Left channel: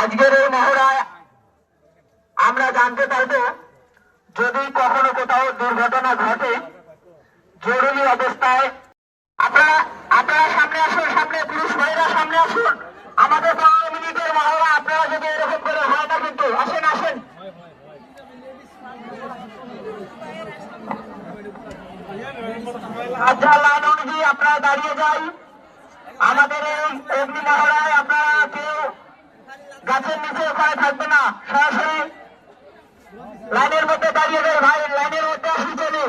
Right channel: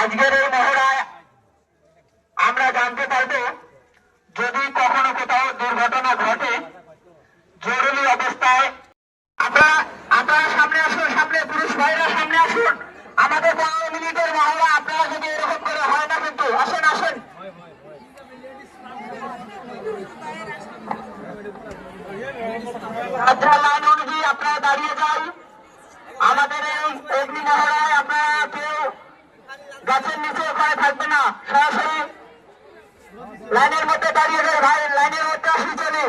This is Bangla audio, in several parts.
আজকের এই মহড়ায় আমরা জানতে পারব, যদি কখনো কোথাও দুর্ঘটনা ঘটে জরুরি অবস্থায় আপনারা সামনে আসুন, সামনে পুরুষ ভাইরা সামনে আসুন। আমাদের 12 মিনিটের মহড়া, আপনারা যদি এরকম করে হয় না কিন্তু আসেন আসেন। লাইন অনুযায়ী আপনারা দাঁড়িয়ে যাই। আমাদের এই অগ্নি মহড়ায় আপনারা কেউ গাছের নিচে ওখানে থাকবে না, সরাসরি লাইনের মধ্যে দাঁড়িয়ে যায়। ভাই লাইনের মধ্যে আসি চলে।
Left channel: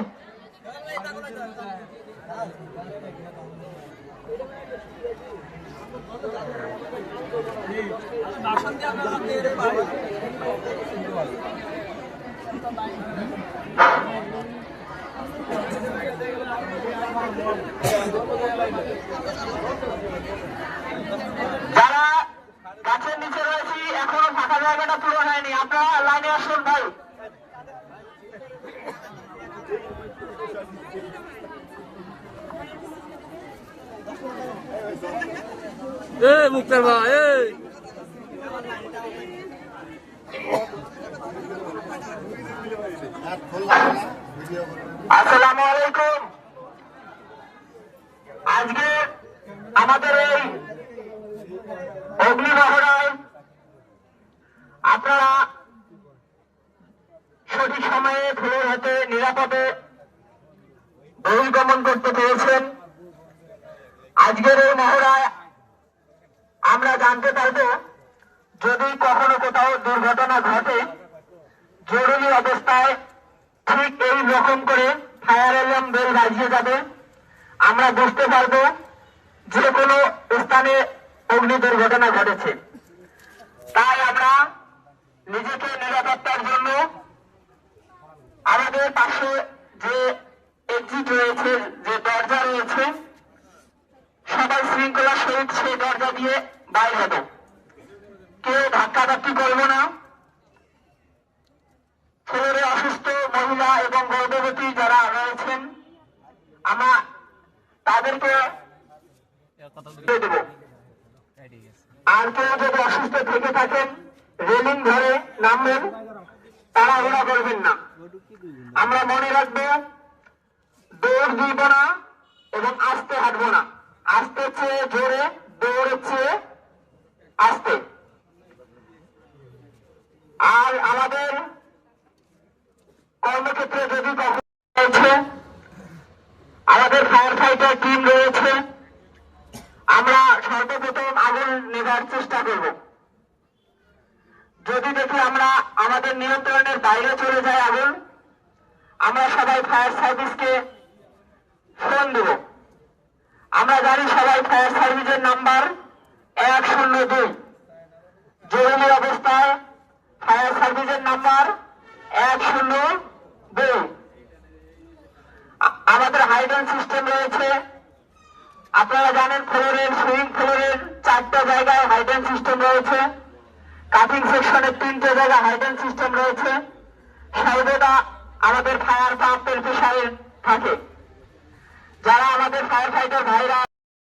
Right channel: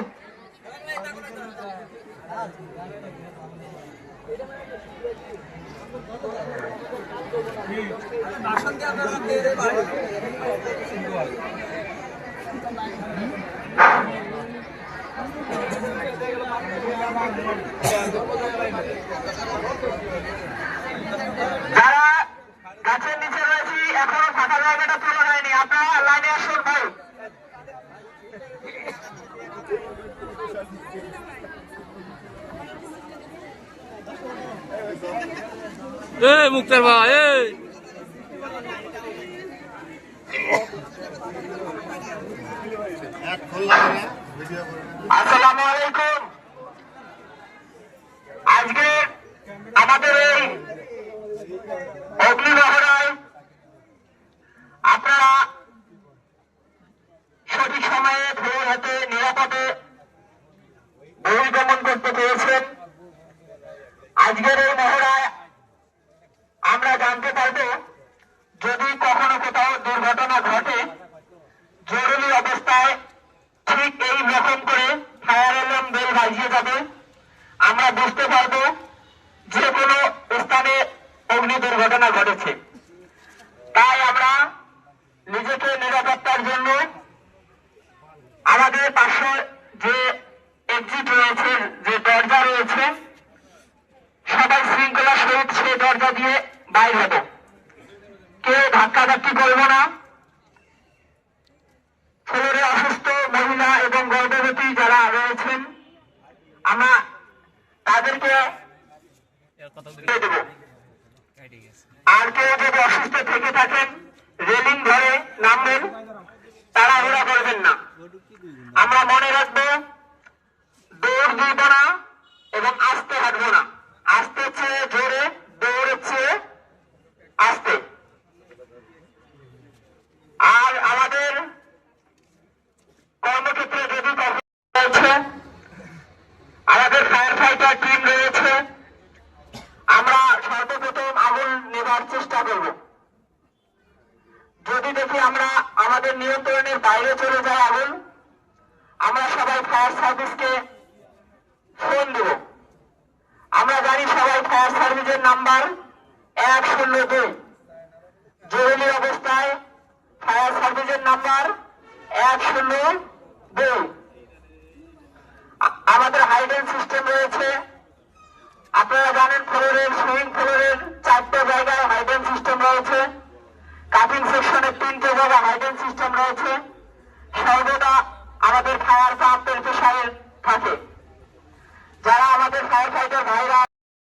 যারা গাছের নিচে রয়েছি এখনো ফাঁকা জায়গাটা পূরণ হয়নি, আপনারা লাইনে আসুন ভাই। মুক্তার ভাই আসসালামু আলাইকুম। আজকে আমাদের এই অগ্নি মহড়ায় আপনারা সঠিক সময়ে ফ্লোর হতে নিরাপদে বহির্গমন করতে পেরেছেন। আজকের এই মহড়ায় আমরা জানতে পারব, যদি কখনো কোথাও দুর্ঘটনা ঘটে জরুরি অবস্থায় ঠিক এই রকম করে ফায়ার অ্যালার্ম বেল বাজিয়ে যাবে। আমরা বুঝতে পারব যে কোনো স্থানে অগ্নি দুর্ঘটনা ঘটেছে। তাই আমরা নিজেকে নিরাপত্তার জন্য আমাদের পাশে যে এক্সিট রয়েছে, যে দরজা রয়েছে, সবাই শৃঙ্খলার সহিত সেই দরজা দিয়ে বাইর হব। কেউ ধাক্কাধাক্কি করবো না। ফ্লোরে অসুস্থ মহিলা এবং গর্ভবতী যারা রয়েছেন আমরা তাদেরকে দেব। আর কেউ যদি অসুস্থ থেকে থাকেন রেলিং ধরে নামবেন, তাড়াহুড়া করবেন না। আমরা মনে রাখবো, দৌড় দিব না এবং আস্তে হাঁটবো না। আস্তে চেয়ে জোরে, দৌড় চেয়ে আস্তে। আর আমাদের কর্মক্ষেত্রে যদি কখনো রয়েছে, আমাদের ফায়ার ফাইটার টিম রয়েছে, আমরা সর্বপ্রথম আগুন নেভার চেষ্টা করব। যদি দেখি আমরা আমাদের নিয়ন্ত্রণের বাইরে চলে যায় আগুন, আমরা সবাই ফায়ার সার্ভিসকে ফোন দেব। আমরা জানি সবাই ফায়ার সার্ভিসের নাম্বার 102। জরুরি অবস্থায় ফায়ার সার্ভিসের নাম্বার 102। আমাদের হাইড্রোল সিস্টেম রয়েছে। আপনারা জানেন ফ্লোরের সুইং ফ্লোরের 4টা জায়গায় হাইড্রোল সিস্টেম রয়েছে। কাটিং সেকশনের 3টে জায়গায় হাইড্রোল সিস্টেম রয়েছে। সর্বদা আমাদের ফায়ার পাম্পের প্রেসারে থাকে। যারা আমাদের ফায়ার ফাইটার ভাইরা